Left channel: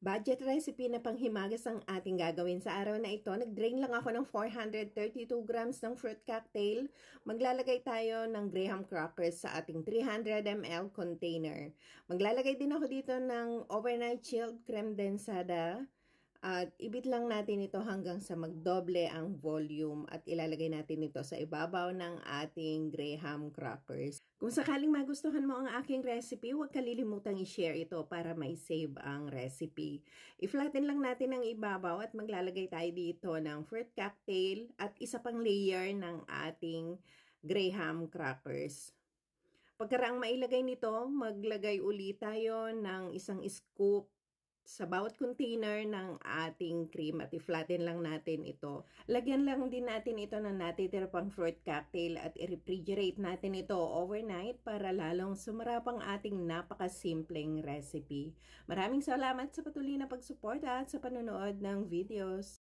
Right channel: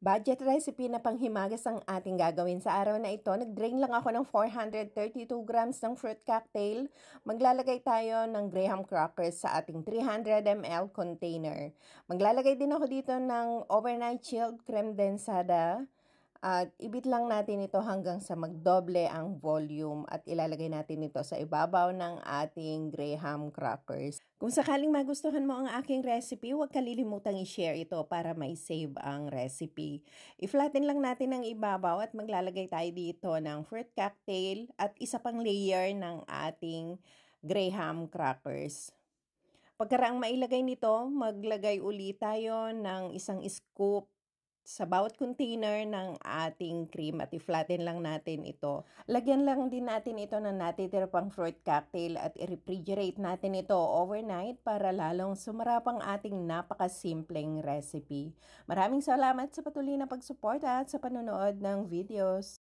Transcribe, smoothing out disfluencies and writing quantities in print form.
Budget recipe na panghimagas ang ating gagawin sa araw na ito. Nag-drain lang ako ng 432 grams ng fruit cocktail. Maglalagay tayo ng graham crackers sa ating 300 ml container. Maglalagay din ako dito ng overnight chilled creme densada. At ibit lang natin ito hanggang sa magdoble ang volume at ilalagay natin ito sa ibabaw ng ating graham crackers. Kung sakaling magustuhan mo ang aking recipe, huwag kalilimutang i-share ito para may save ang recipe. I-flatten lang natin ang ibabaw at maglalagay tayo dito ng fruit cocktail at isa pang layer ng ating graham crackers. Pagkaraang mailagay nito, maglagay ulit tayo ng isang scoop sa bawat container ng ating cream at i-flatten lang natin ito. Lagyan lang din natin ito ng natitira pang fruit cocktail at i-refrigerate natin ito overnight para lalong sumarap ang ating napakasimpleng recipe. Maraming salamat sa patuloy na pagsuporta at sa panonood ng videos.